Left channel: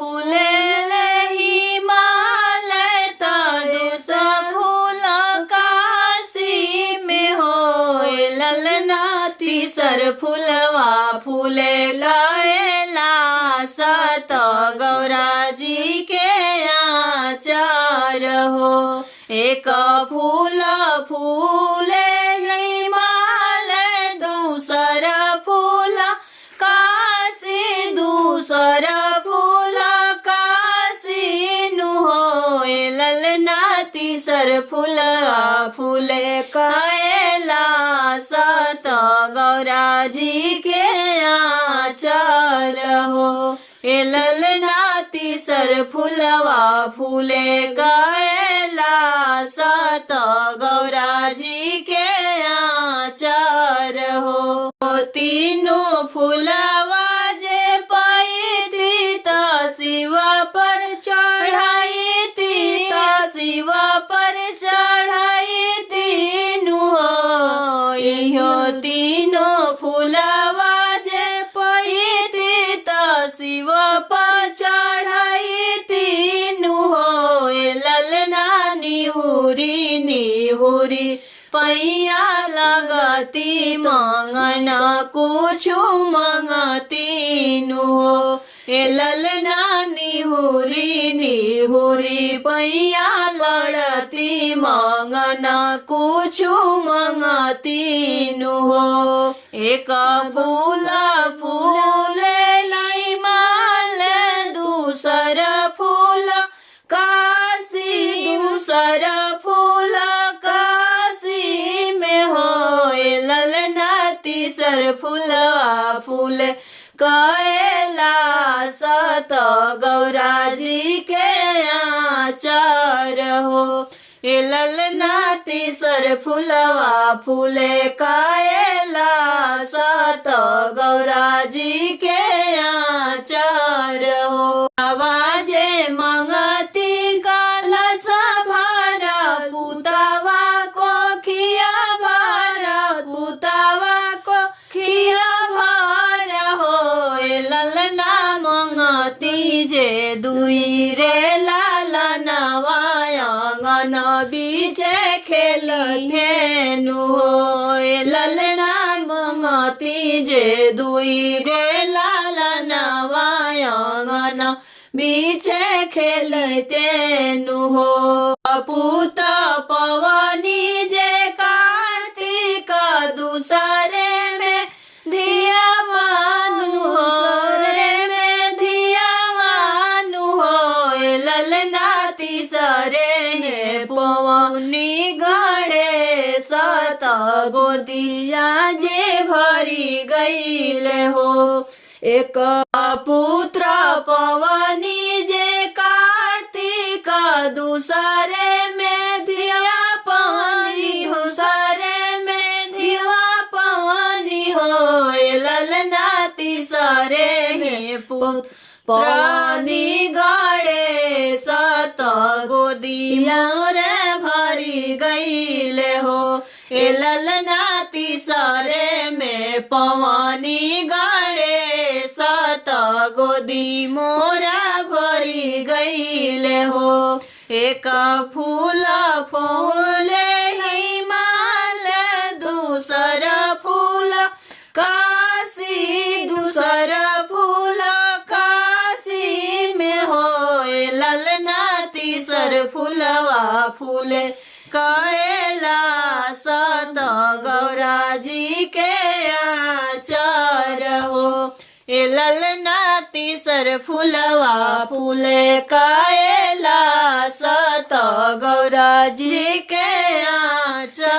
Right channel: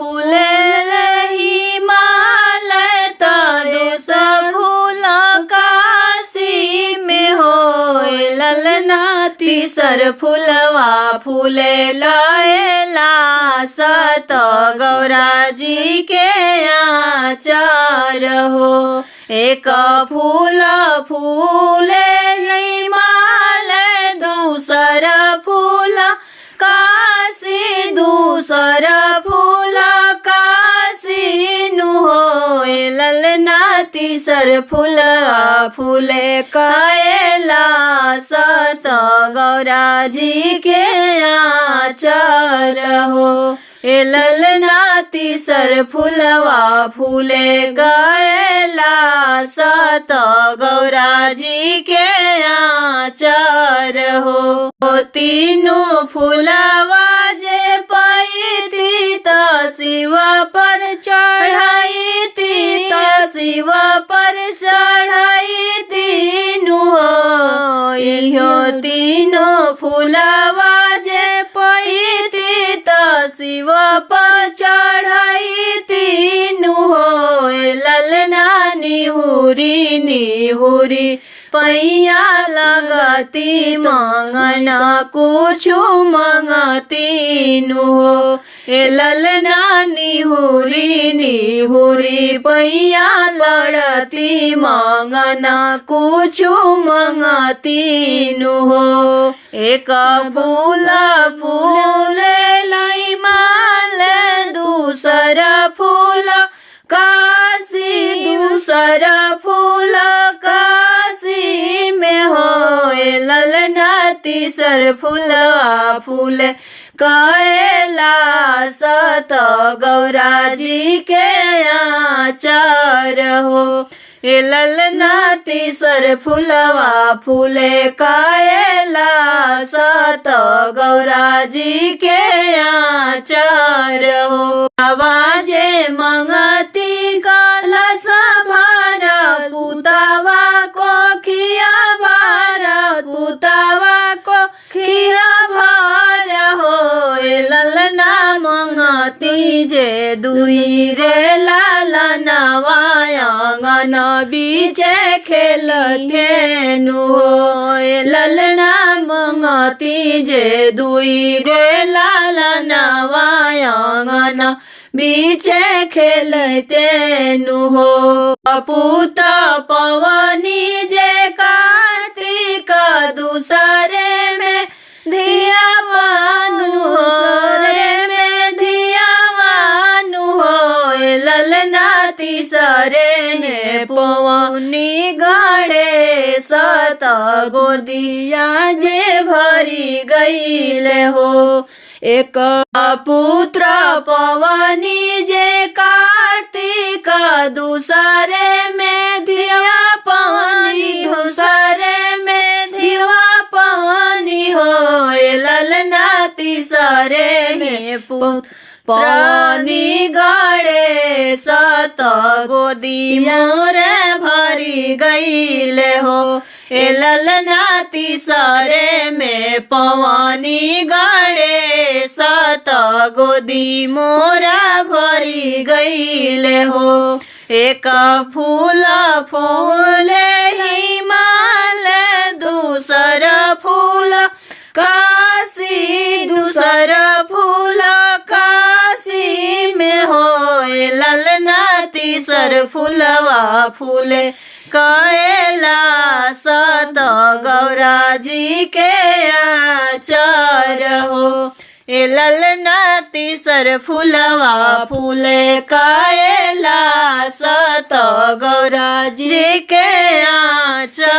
फूले हिमालय तो दूसर फूल काशी में होए ललना तीसर फूलवा फूले लयला सत गौरा जी के आचार हो। एक फूल फूले हिमालय दूसर फूल काशी दूसर फूल काशी नु होए ललना तीसर फूल फूले कायला सत गौरा जी के आचार हो। ए ललना तीसर फूलवा फूले गायला सत गौरा जी के आचार हो। तीनों फूलवा जे पैती त शिव पर चढ़ाई ती त शिव पर चढ़ाई तीनु हो। इहो तीनों फूलवा जे पैती त शिव पर चढ़ाई तीनु हो। ललना निहुरी निहुरी पैया लगती मंगन कुछु मंगती नु हो। ए ललना निहुरी निहुरी पैया लड़ती मंगन कुछु मंगती नु हो। एक फूल फूले लई माल दूसर फूल काशी दूसर फूल काशी में होए ललना तीसर फूलवा फूल कायला सत गौरा जी के आचार हो। ए ललना तीसर फूलवा फूले कायला सत गौरा जी के आचार हो। आवाजे मंगती कलश भारा पुतवा को खिया भारा पुतवा को खिया भारा हो। ललना मंगती जे दुई रे लालनवा आंगन बीचे खेलते नु हो। ललना मंगती जे दुई रे लालनवा आंगन बीचे खेलते नु हो। पूत पवनी जे कार्तिक दूसरे में धिया मानु हो रे में धिया मानु हो। ललना तीसरे में पवनी गड़े सत गोदिया जे भरी गईले हो। एक पुत्र पवनी जे कार्तिक दूसरे में धिया पानी दूसरे में धिया पानी हो। ललना तीसरे में पानी गड़े सत गोदी मोरे भरी गईले हो। ए ललना तीसरे में पवनी गड़े सत गोदी मोरा भरी गईले हो। एक फूल फूले हिमालय दूसर फूल काशी दूसर फूल काशी में होए ललना तीसर फूलवा फूले कायला सत गौरा जी के आचार हो। ए ललना तीसर फूलवा फूले कायला सत गौरा जी के आचार